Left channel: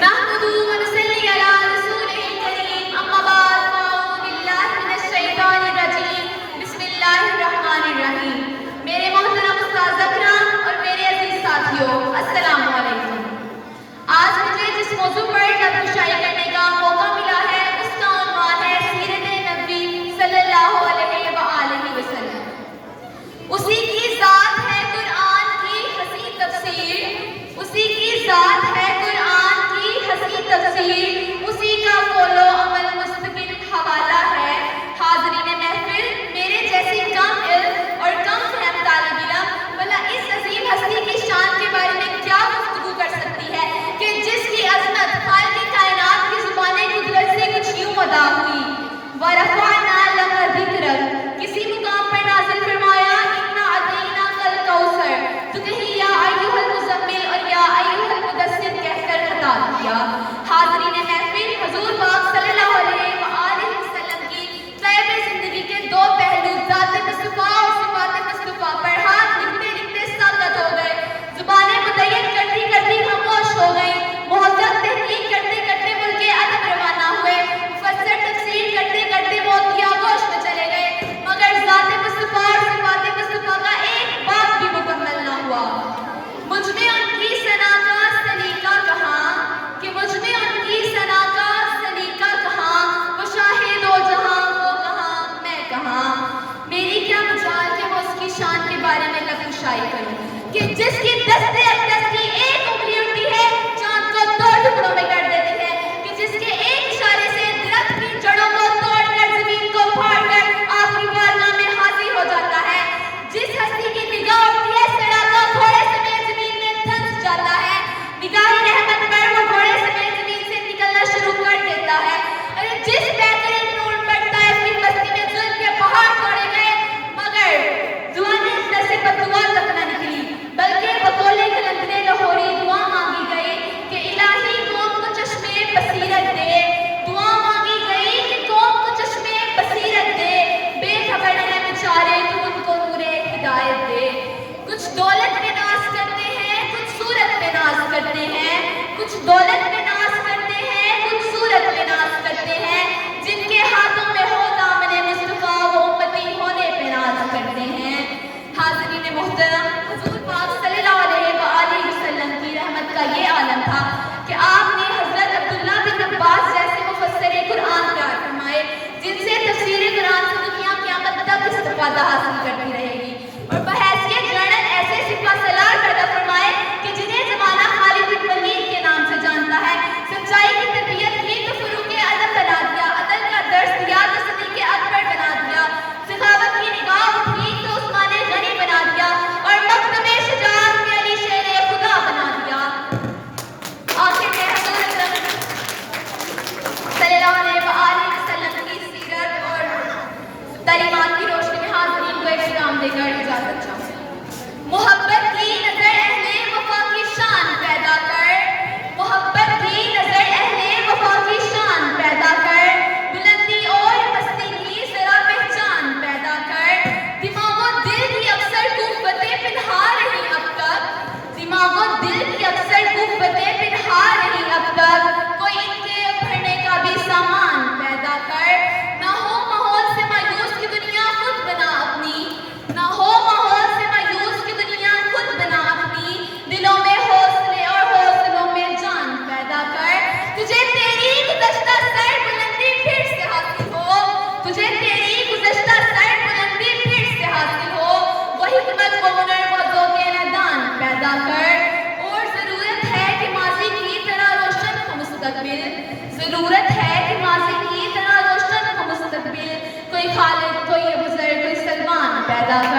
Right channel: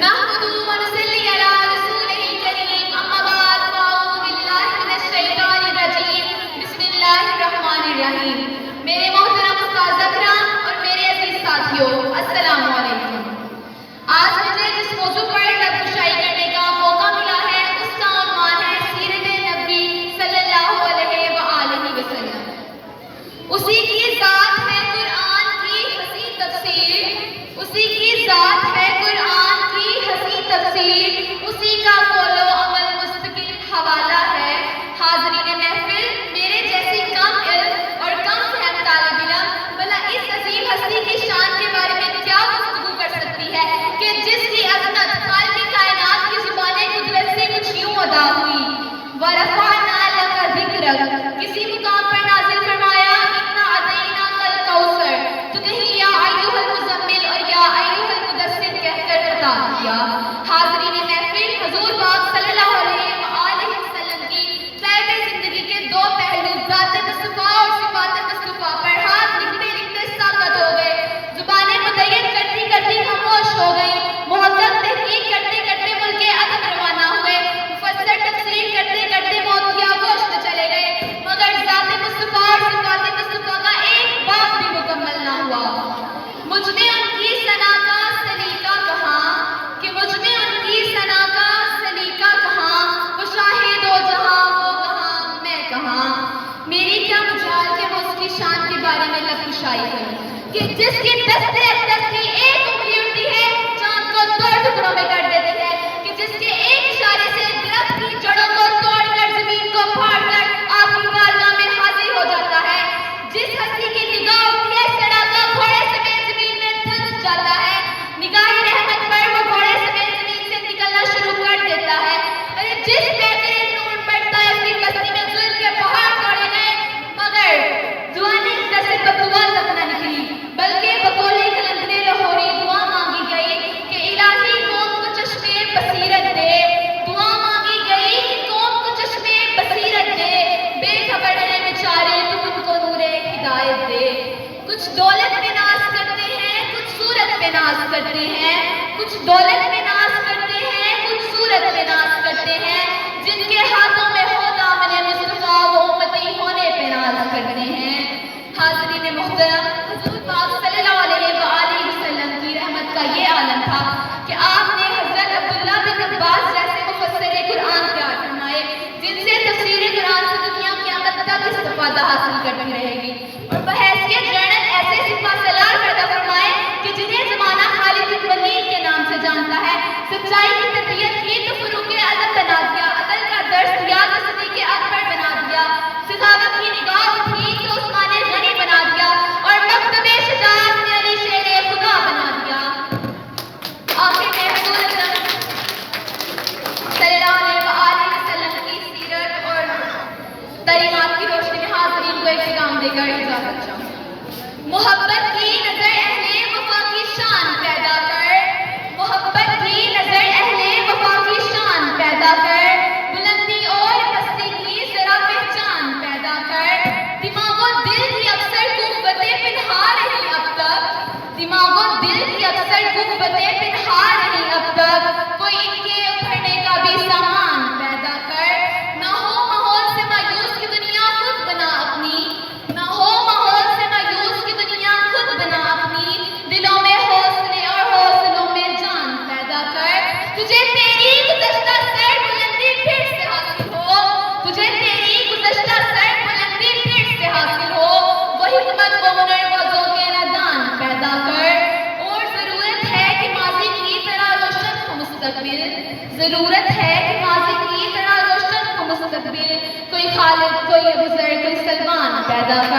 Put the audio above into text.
نحمده ونصلي على رسوله الكريم اما بعد فاعوذ باللہ من الشیطان الرجیم بسم اللہ الرحمن الرحیم. میرے محترم استاد اکرام اور میرے عزیز ساتھیوں، السلام علیکم. آج مجھے جس موضوع پر لب کشائی کرنے کا موقع ملا ہے اس کا عنوان ہے سیرت نبی صلی اللہ علیہ وآلہ وسلم. اسی کی ذات ہے قرآن کی حسین تفسیر، اسی کی ذات ہے قرآن کی حسین تفسیر، اسی کا قول و عمل مستقل حوالہ ہے. حاضرین محفل، میرے جیسے کم علم اور کم فہم طالب علم بھلا اس عظیم ہستی کی شان کے بارے میں کیا گفتگو کر سکتی ہے کہ جس کی عظمت خالق کائنات کی زبان قدرت سے کچھ یوں ادا ہوئی. وَرَفَعْنَا لَكَ ذِكْرَكَ، کسی مقام پر نازل فرمایا اِنَّا أَعْطَيْنَاكَ الْكَوْثَرَ، تو کہیں یا ایھا المزمل اور یا ایھا المدثر کہہ کر خطاب کیا. حاضرین محفل، حضور پاک صلی اللہ علیہ وآلہ وسلم کی طیب زندگی کے دو پہلو ذات مصطفیٰ اور صفات مصطفیٰ پر ہاتھ لکھتے لکھتے ساکت ہو گئے. زبانیں مدین کرتی کرتی خاموش ہو گئی. محقق تحقیق کرتے کرتے ملک ادب روانہ ہوئے. مفسر تفسیر کرتے کرتے موت کی آغوش میں چلے گئے، مگر ذات مصطفیٰ اور صفات مصطفیٰ کا ایک باب بھی مکمل نہ ہوا. مجھ میں ان کی ثنا کا سلیقہ کہاں، کہ مجھ میں ان کی ثنا کا سلیقہ کہاں، وہ شاہد و جہاں وہ کہاں میں کہاں. میری کیا مجال کہ میں اس کی شان کے بارے میں لب کشائی کروں کہ جس کی دستے اقدس کی ایک انگلی اٹھتی ہے چاند کو دو ٹکڑوں میں کر دیتی ہے، کہ جس کے ایک اشارے سے درخت کی جڑوں کو توڑ کر زمین کو پھاڑ کر آپ کی بارگاہ میں حاضر ہو جاتا ہے. جس ہستی کی نگاہ اٹھتی ہے سڑاکا گھوڑے سمیت زمین میں دھنس جاتا ہے. نگاہ رحمت پر وہ گھوڑے سمیت زمین سے نکلنا شروع کر دیتا ہے. ارے جس بہترین نور پر طائف کی بستی میں ظلم کے پہاڑ توڑے گئے، مگر زبان اقدس سے بددعا تک نہ نکلی، بلکہ بقول قلندر لاہوری دعا مانگی گئی کہ الہی قوم کو چشمے بصیرت دے. دعا مانگی گئی کہ قوم کو چشمے بصیرت دے، بے خبر ہے بیچارے تو ان کو نور ہدایت دے. کچھ دولت میں ناز کرتے ہیں، کچھ صورت میں ناز کرتے ہیں، کچھ دولت میں ناز کرتے ہیں، کچھ صورت میں ناز کرتے ہیں. جن کے ہاتھوں میں ہو دامن مصطفیٰ وہ امتی ہونے پہ ناز کرتے ہیں. حاضرین محترم، حضور پاک صلی اللہ علیہ وآلہ وسلم کی رحمت کا یہ عالم تھا کہ آپ نے حضرت عبداللہ بن عباس جیسے مفسر قرآن تیار فرمائے جن سے تفسیر قرآن سے دنیا قیامت تک استفادہ حاصل کرتی رہے گی، اور بحیثیت جرنل ایسے سپہ سالار پیدا فرمائے کہ جنہیں زمانہ خالد بن ولید کے نام سے جانتا ہے. سچائی کی تربیت کی تو فروغ ادب بنا دیا، عدل کا درس دیا تو صدیق اکبر بنا دیا، سخاوت کی نگاہ اٹھی تو عثمان غنی بنا دیا، اور مکتب شجاعت میں علی شیر خدا بنا دیا. آخر میں حضور اکرم صلی اللہ علیہ وآلہ وسلم کی سیرت اور تعلیمات کی روشنی میں حاضرین کو ایک پیغام دے کر اجازت چاہوں. محبت کی نظر اہل وفا کی شان پیدا کر، محبت کی نظر اہل وفا کی شان پیدا کر، بلندی اور پستی کی ذرا پہچان پیدا کر. دماغ و دل کی اکثر قوتیں پنہا رہی اب تک، دماغ و دل کی اکثر قوتیں پنہا رہی اب تک، کوئی ان کے ابھرنے کا بھی سامان پیدا کر. نہ ہو ماحول سے مایوس کی دنیا خود بنا اپنی، نہ ہو ماحول سے مایوس کی دنیا خود بنا اپنی. دلوں میں حوصلے اور حوصلوں میں جان پیدا کر. تجھے تیری گزشتہ سر بلندی پھر سے حاصل ہو، تجھے تیری گزشتہ سر بلندی پھر سے حاصل ہو. وہ حکمت و ہنر و ذوق ندان پیدا کر. اور ضرورت ہے کہ ماضی کی طرح روشن ہو مستقبل، ضرورت ہے کہ ماضی کی طرح روشن ہو مستقبل. کوئی خالد، کوئی ابوذر، کوئی سلمان پیدا کر.